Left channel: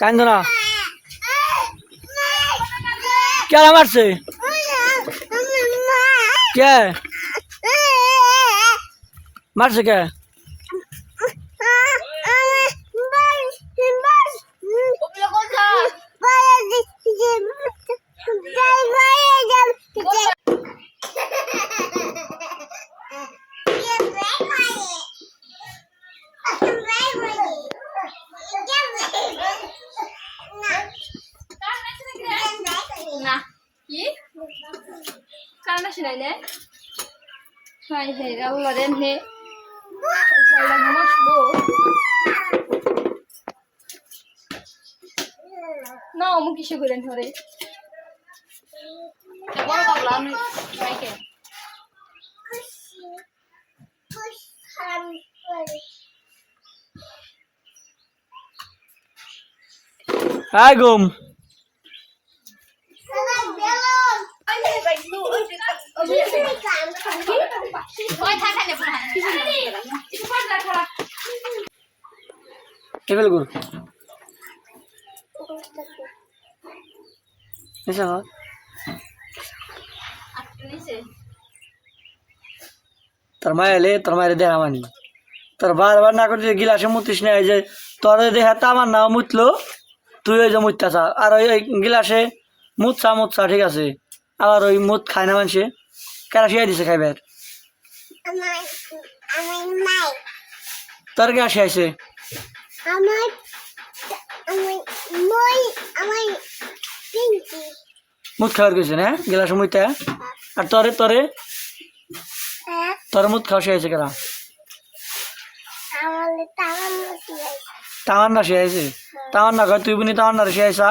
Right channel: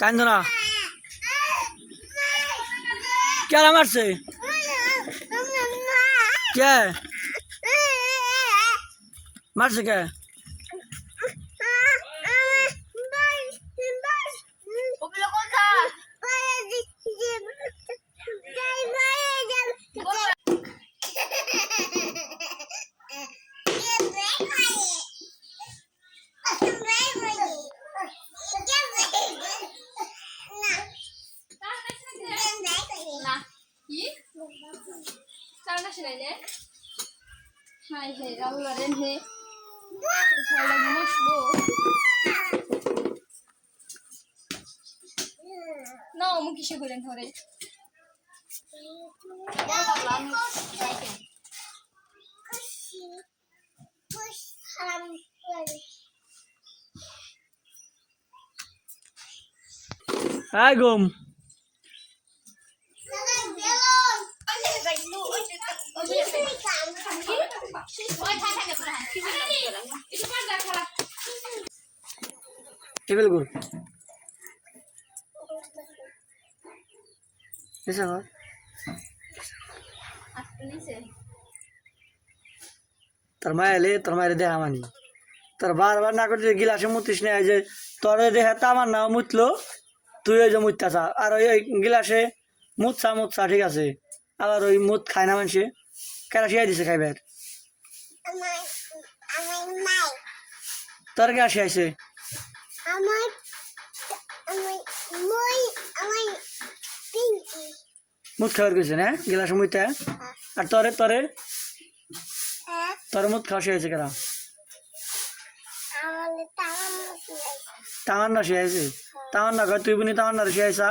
কান্দো না কে মারছে কে মারছে কে না অমুক কিসে করেন ধরে হাই গুম টেবিল গুর এসা তোর মায়েলে তোর মায়ের দেখা মানি তোর বারবার না করতে গিলাসে মুতিস না যে তোর দেখা তো আমার নাও মুতলো তুই ওই যে মুততেছা আর ওই গিলাসে মুতছা ঠিক আছে আবার ওই মুত খায় না মানুষে কেন শিয়াই দিছে খাইবার তোর কে শিয়াইছে মুত খাওয়ার গেছে না গিলাসে মুইতে আর তোরে তোরে তোর মুত খাওয়া শিয়াইছে কেন তামান্না শিয়াইছে তামান্না কয় তুই বুনি তামান্নার শিয়াইছা